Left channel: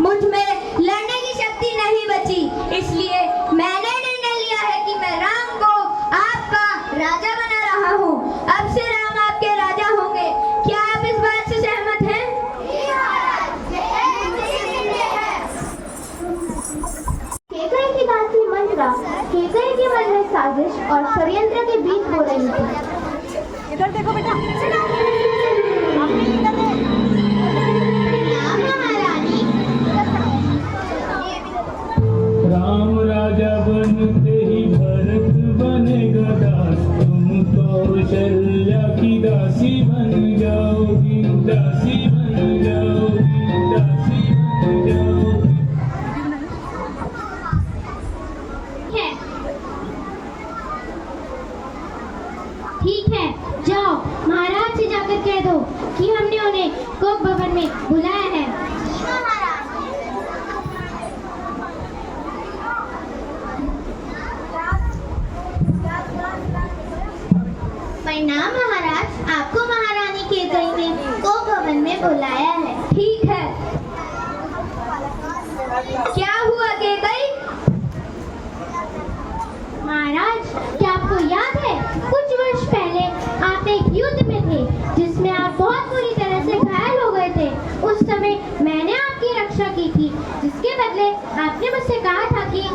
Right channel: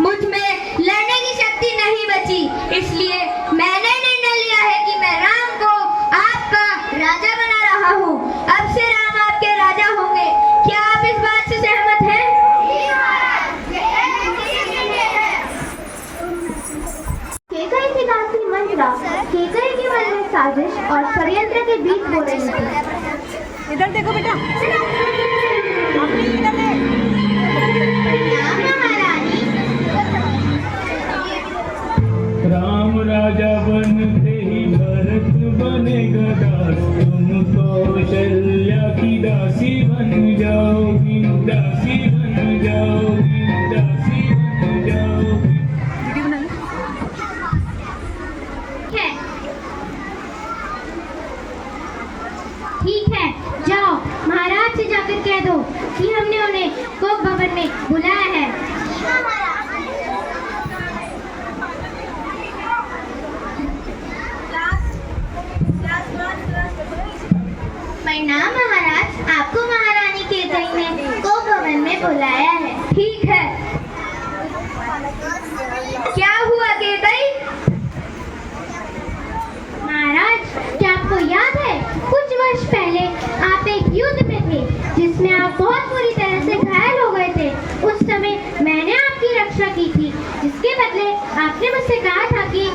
मुझ में लड़ने की शक्ति नहीं बची, इसलिए मैंने निर्णय लिया है कि मैं राम को आपका राजा बना रहा हूँ। अब से राम आपके राजा होंगे। क्या आप इस बात से सहमत हैं? केकई की दासी मंत्रा केकई के मन में साजिश और षड्यंत्र के बीच हो रही थी। इधर देखो बेटा, राम राजा बनते ही भरत बनेगा दास, तुम कौशल्या की दासी बन जाओगी, दासी बन जाओगी, दासी बन जाओगी। ठीक है, जाओ महाराज से जाकर कह दो कि हमने उन्हें कोप भवन में बुलाया है। प्रणाम महाराज, आपको महारानी केकई ने कोप भवन में बुलाया है। ठीक है, क्या हुआ केकई? महाराज, क्या आपको याद है कुछ वर्ष पहले आप एक युद्ध में थे जिसमें आप बहुत बुरी तरह से घायल हो गए थे। उस समय मैंने आपकी रक्षा की थी, जिसके बदले आपने मुझसे कहा था कि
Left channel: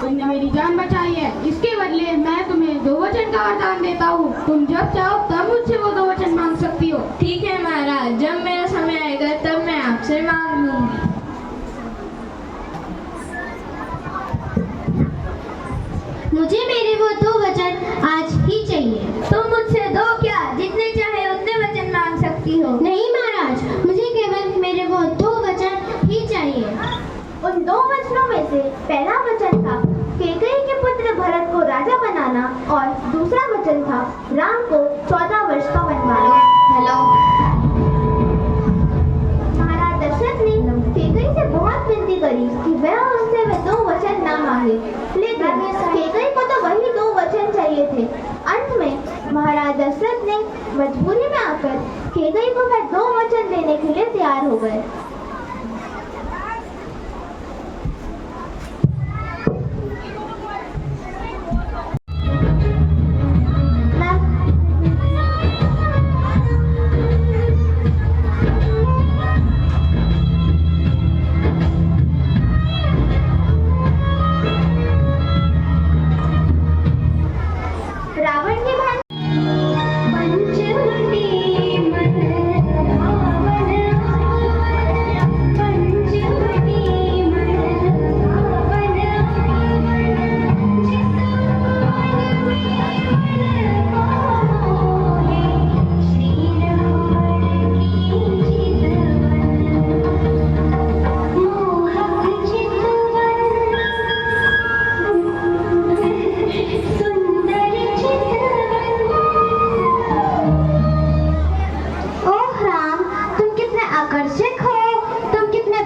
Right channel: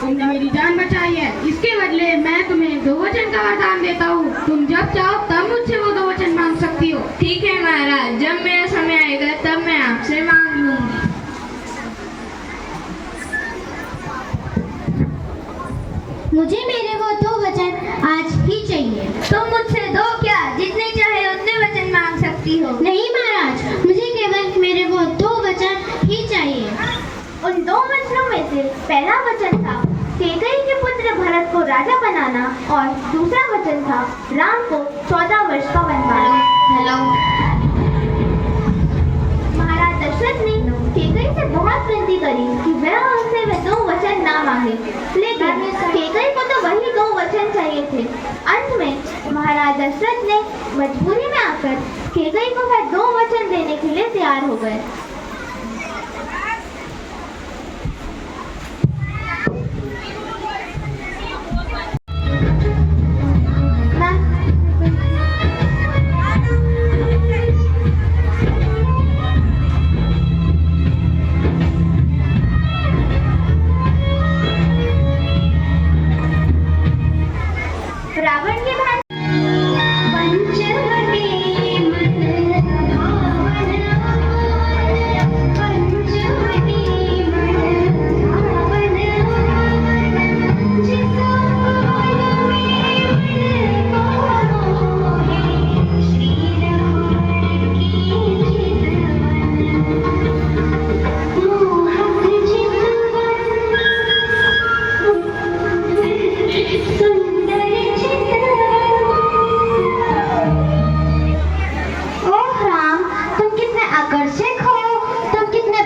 तुमने मेरी जान बचाई है, इसके बदले मैं तुम्हें 2 वचन का वरदान देता हूँ। तुम जब चाहो तब मुझसे वो 2 वचन मांग सकती हो। ठीक है महाराज, जब मेरा समय आएगा तब मैं आपसे मांग लूंगी। मुझे मेरे वो 2 वचन आज ही चाहिए। तुम मुझसे दो क्या, जितने चाहे उतने वचन मांग सकती हो। नहीं महाराज, मुझे केवल मेरे वो 2 वचन ही चाहिए। उन 2 वचनों में से पहला वचन था केकई के पुत्र भरत को राजा बनाना और दूसरा वचन था राम को 14 वर्ष का वनवास। हेलो, महाराज दशरथ ने केकई से बहुत विनती करी कि वह उनसे वे 2 वचन ना मांगे, लेकिन केकई को तो वही 2 वचन चाहिए थे। अंत में महाराज दशरथ ने मजबूरी में आकर केकई को वह 2 वचन देने के लिए तैयार हो गए। रावण की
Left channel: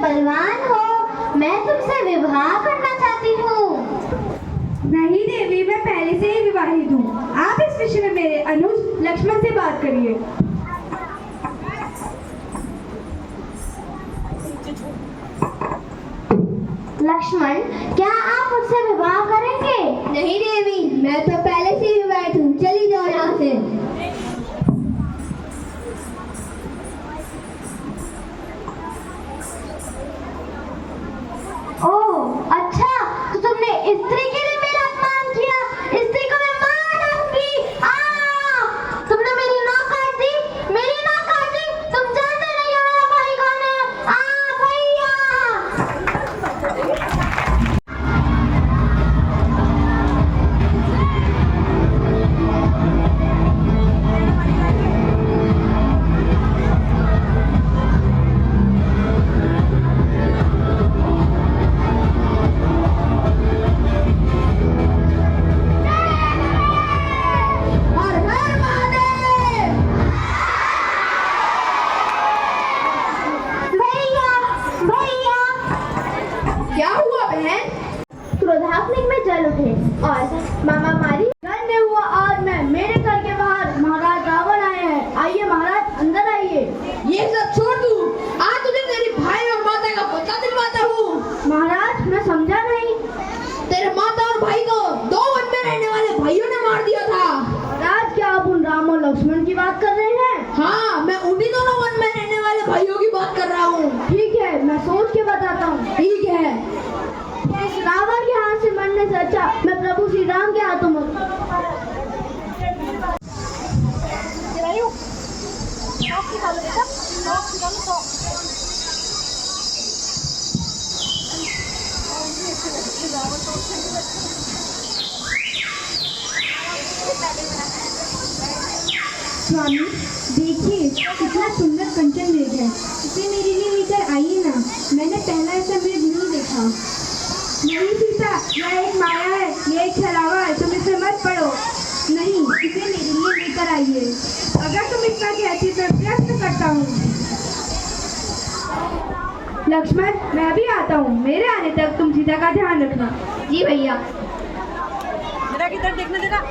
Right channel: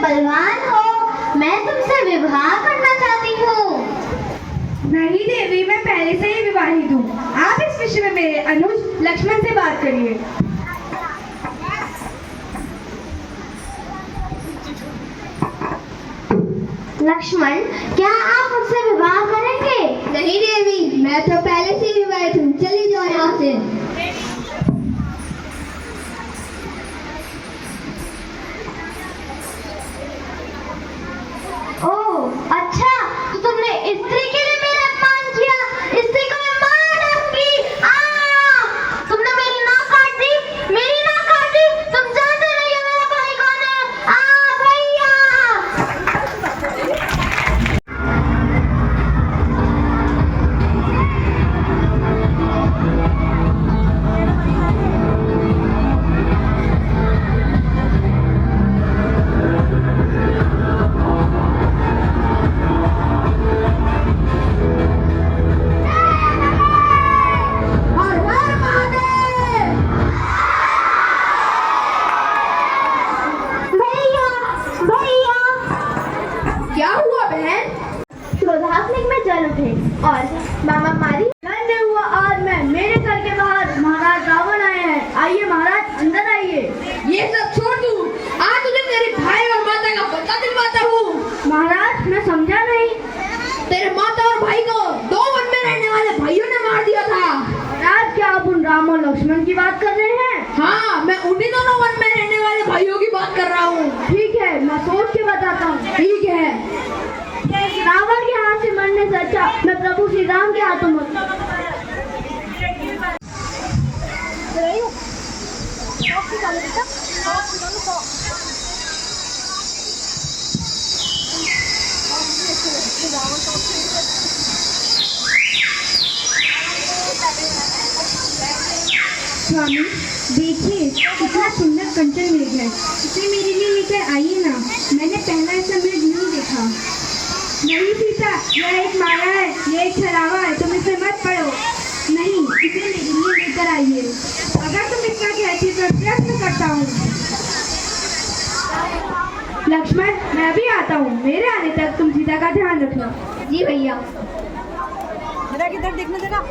बलवान हो, मैं तुमसे विवाह करना चाहती हूँ। नहीं देवी, मैं पहले से ही विवाहित हूँ। आप इस विषय में मेरे अनुज लक्ष्मण से बात करिए। लक्ष्मण, क्या आप मुझसे विवाह करेंगे? नहीं देवी, मैं तो पहले से ही विवाहित हूँ। चली जाओ यहाँ से। ओह अच्छा, तो तुमने स्त्री के लिए मेरा अपमान किया। स्त्री को मैं मार दूंगी। तुमने मेरी नाक काट दी, मेरी नाक काट दी। तुम जानते नहीं हो मेरा भाई कौन है। भैया। लक्ष्मण की बात कर रहे हैं? हाँ, मैं उन्हीं दोनों वन में रहने वाले भाइयों की बात कर रहा हूँ। ठीक है, मैं सोच के बताता हूँ। ठीक है। रावण के हाथ से मरने से अच्छा मैं प्रभु श्री राम के हाथों मरूं। स्वामी देखिए कितना सुंदर कंचन मृग है, इसे मेरे लिए लेकर आइए ना, मैंने पहला ऐसा मृग नहीं देखा। नहीं सीता, यह एक माया है, यह एक छलावा है, तुम इसे मत पढ़ो। नहीं, इसे मेरे लिए लेकर आइए। अगर तुम इतना कहती तो प्रयत्न करता हूँ। लक्ष्मण, मैं भी आता हूँ, मेरे आने तक तुम सीता का ध्यान रखना। जी भैया। मेरा किधर देखने देना।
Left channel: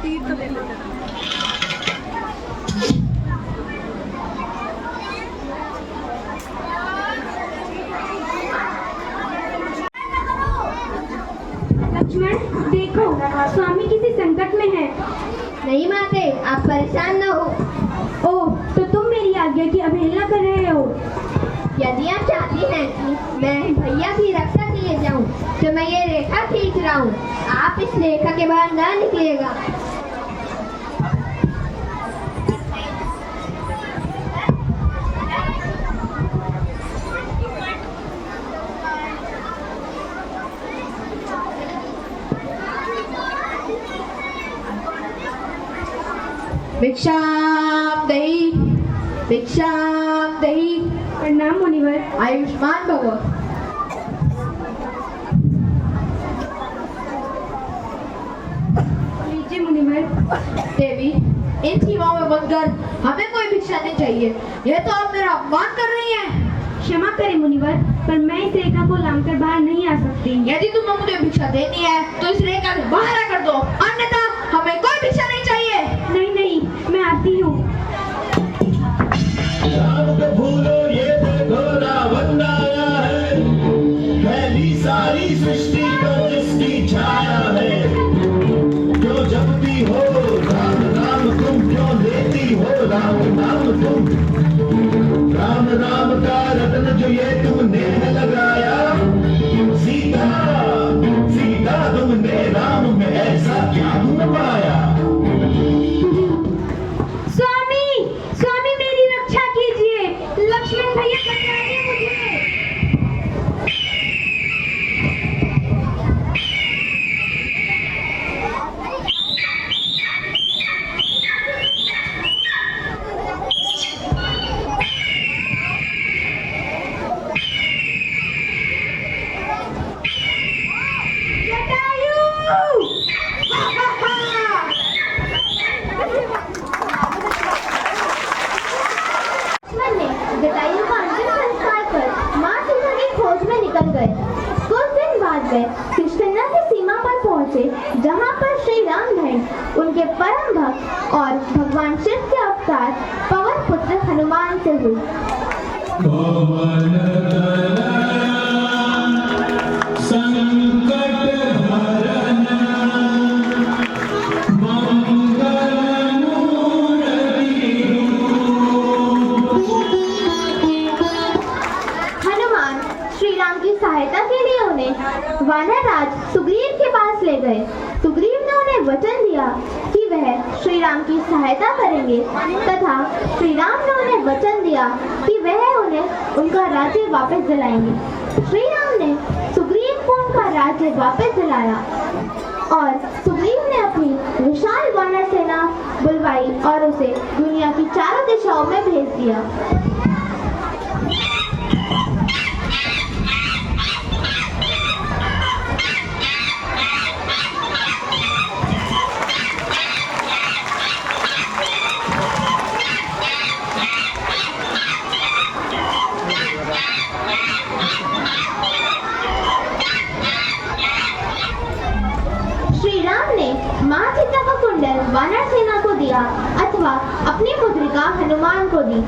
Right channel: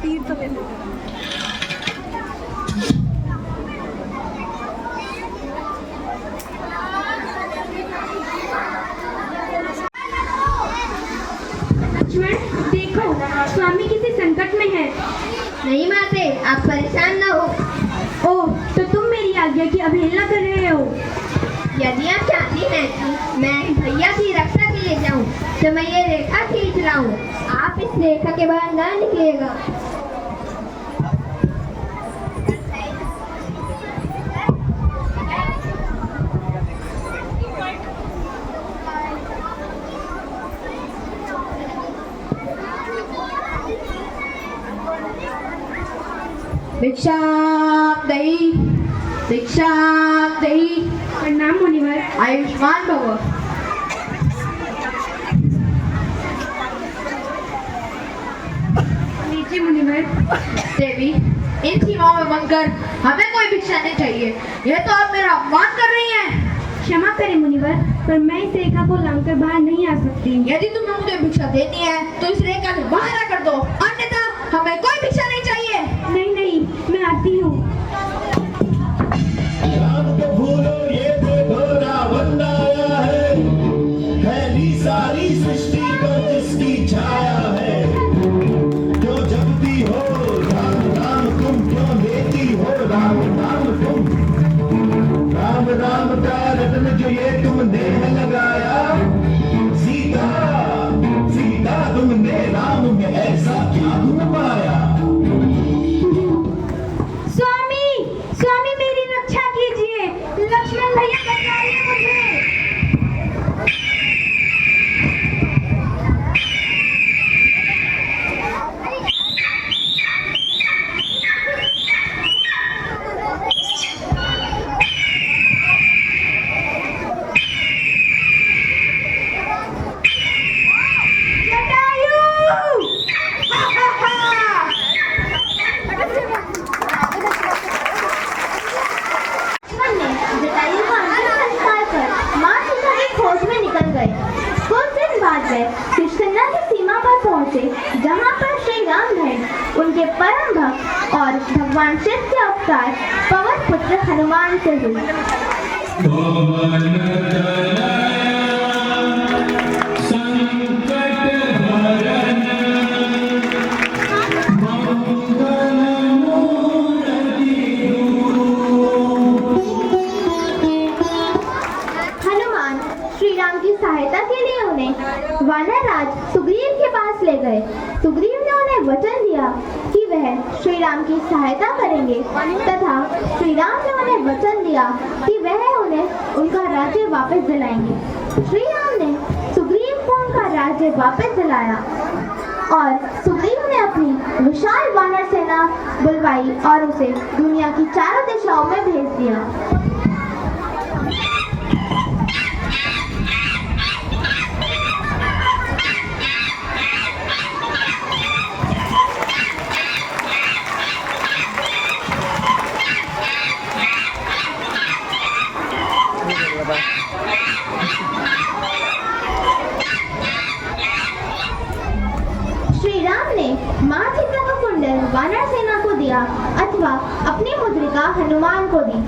तीर तो ले लेना। लक्ष्मण देखो, स्वामी किसी संकट में है। नहीं माते, आप परेशान न हो। ओह, तो तुम मेरी आज्ञा की अवहेलना कर रहे हो। यदि आप चाहती हैं कि मैं भैया की रक्षा के लिए जाऊं, तो मैं ये रेखा खींच रहा हूँ, आप इस रेखा के बाहर ना निकलिएगा। भिक्षाम देहि, भिक्षाम देहि। प्रणाम मुनिवर। आयुष्मान भव। लीजिए मुनिवर। देवी, इन सीमाओं में बनकर हमें कोई भिक्षा नहीं चाहिए, यह तो आप मेरा अपमान कर रही हैं। क्षमा करें मुनिवर, पर मैं इस रेखा को लांघकर बाहर नहीं आ सकती। यदि तुम्हें मुझे भिक्षा देनी है तो इस रेखा से बाहर कर दो, अन्यथा हमें कोई भिक्षा नहीं चाहिए। नहीं नहीं, मैं आती हूँ। राम को भूलो, ये देखो रावण आया है, फैली सारी सृष्टि पर जिसकी छाया है। क्यों जपती हो राम नाम, तुम क्यों लेती हो राम नाम तुम? राम नाम का रत्न जो ये तुमने लगाया, सीता सीता तुमने राम में ऐसा क्या गुण पाया? स्वामी, स्वामी मेरी रक्षा कीजिए, लक्ष्मण भैया बचाइए मुझे। लक्ष्मण ने जटायु का अंतिम संस्कार कर मां सीता की खोज में निकल गए। कुछ दिन बाद वे किष्किंधा की सीमा पर पहुंचे, जहां पर श्री राम भेंट उनके परम भक्त और भगवान शिव के अवतार पवन पुत्र हनुमान से हुई। पवन तनया संकट हरण, मंगल मूर्ति रूप। हनुमान श्री राम की सहायता के लिए उन्हें वानर राज सुग्रीव के पास ले गए। सुग्रीव ने उन्हें वचन दिया कि वह श्री राम की सहायता करेंगे तथा श्री राम ने उन्हें वचन दिया कि वह उन्हें उनका राज्य वापस दिलाएंगे। श्री राम ने सुग्रीव को उनका राज्य वापस दिलाया और सुग्रीव ने अपनी विशाल वानर सेना बुलवाई और उसे दुनिया की चारों दिशाओं में भेज दिया। श्री राम ने मां सीता का कुंडल वानर सेना को दिया अथवा अपनी मुद्रिका हनुमान को दी।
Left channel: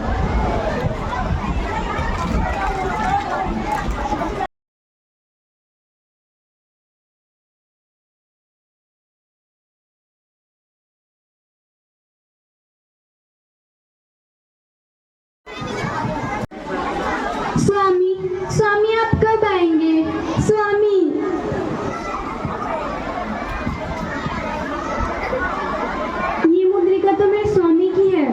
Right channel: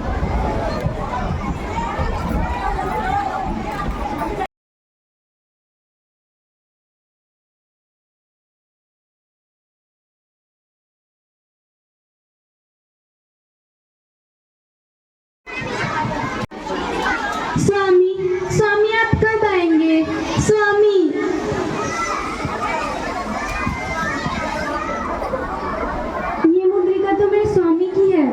स्वामी, स्वामी आप कब आएंगे? स्वामी। ये मुद्रिका तो मेरे स्वामी की है।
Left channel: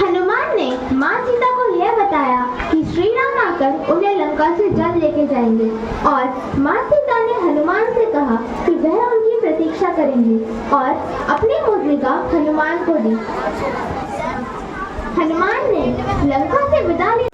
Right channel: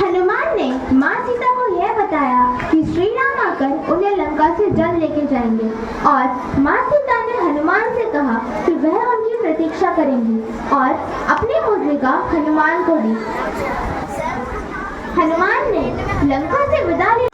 हनुमान ने माँ सीता को यह बताया कि श्री राम आकर उन्हें लंका से जल लेके जाएंगे और माँ सीता ने हनुमान से कहा कि वह उनकी प्रतीक्षा करेंगी और अपनी मुद्रिका हनुमान को दी। हनुमान ने लंका से विदा ली।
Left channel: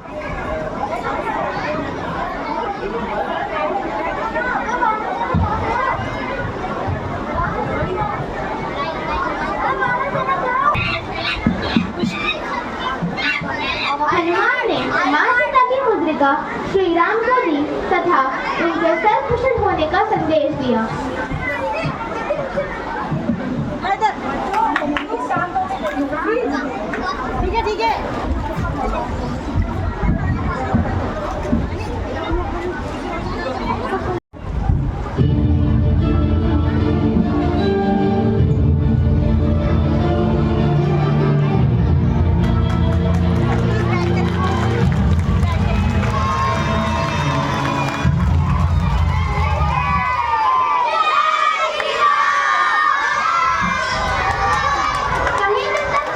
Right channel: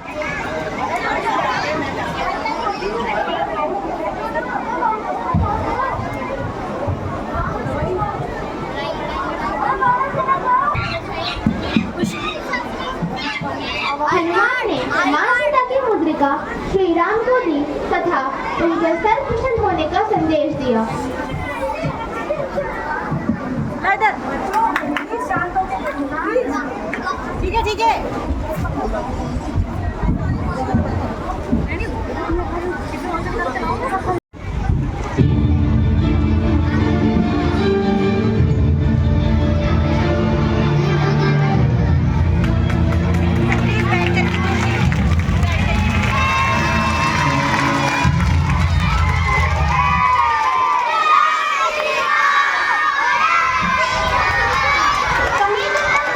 हनुमान ने माँ सीता की मुद्रिका श्री राम को दी तथा उनके सर्वकुशल होने का संदेश दिया। ठीक है ठीक है।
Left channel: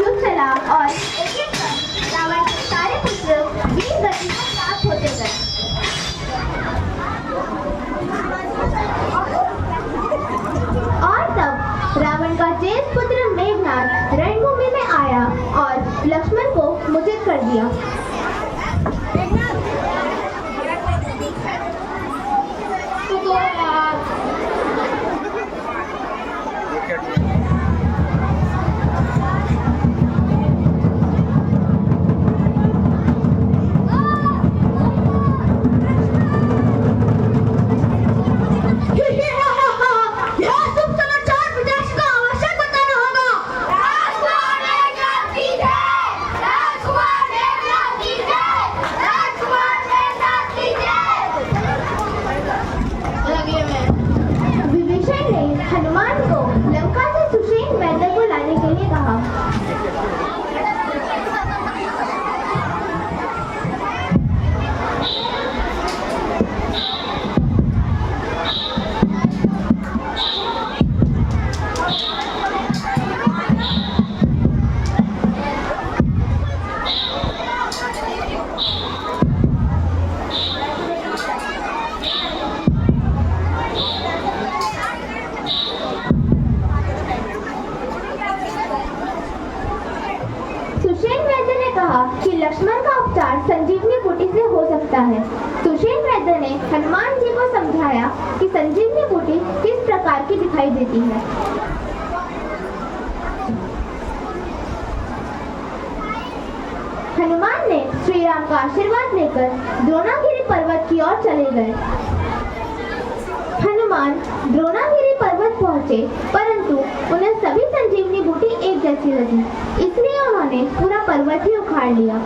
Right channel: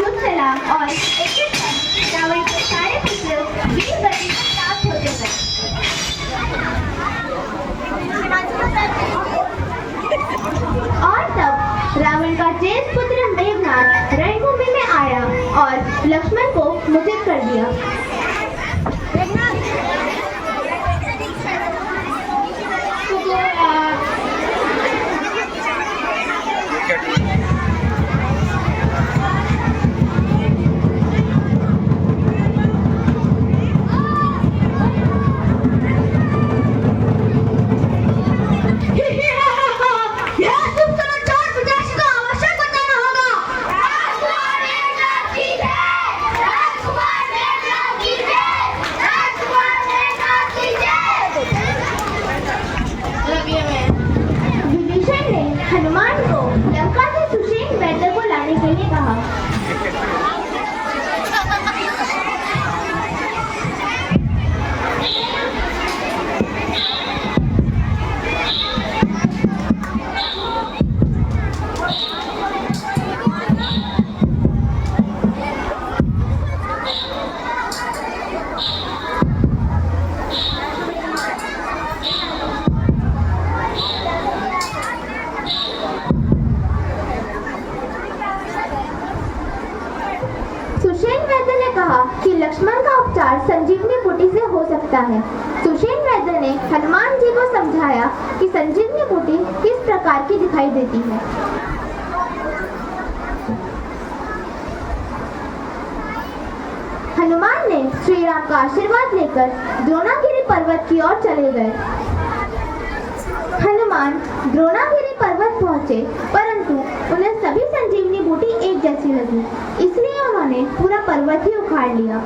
युद्ध चला और एक-एक कर रावण के सारे पुत्र वीर गति से प्राप्त होते गए। और तब रावण का ज्येष्ठ पुत्र मेघनाद रणभूमि में आया और लक्ष्मण को मूर्छित कर दिया। यह शुभ समाचार पिताश्री को अवश्य बताना होगा। राजकुमार मेघनाद की जय, राजकुमार मेघनाद की जय, राजकुमार मेघनाद की जय। विभीषण ने हनुमान को लंका से सुषेण वैद्य को लाने के लिए कहा। सुषेण वैद्य ने कहा कि लक्ष्मण का उपचार संजीवनी बूटी से हो सकता है। सुषेण वैद्य ने हनुमान जी को समझाया कि संजीवनी बूटी किस प्रकार की दिखाई देती है। हनुमान ने श्री राम का आशीर्वाद लेकर द्रोणागिरी पर्वत की ओर चले गए। हनुमान द्रोणागिरी पर्वत पहुंचे, परंतु उन्हें सभी संजीवनी बूटी एक जैसी लगी, इसलिए उन्होंने पूरा पर्वत ही उखाड़ लिया।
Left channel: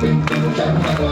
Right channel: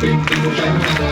पिंटू चंद्रा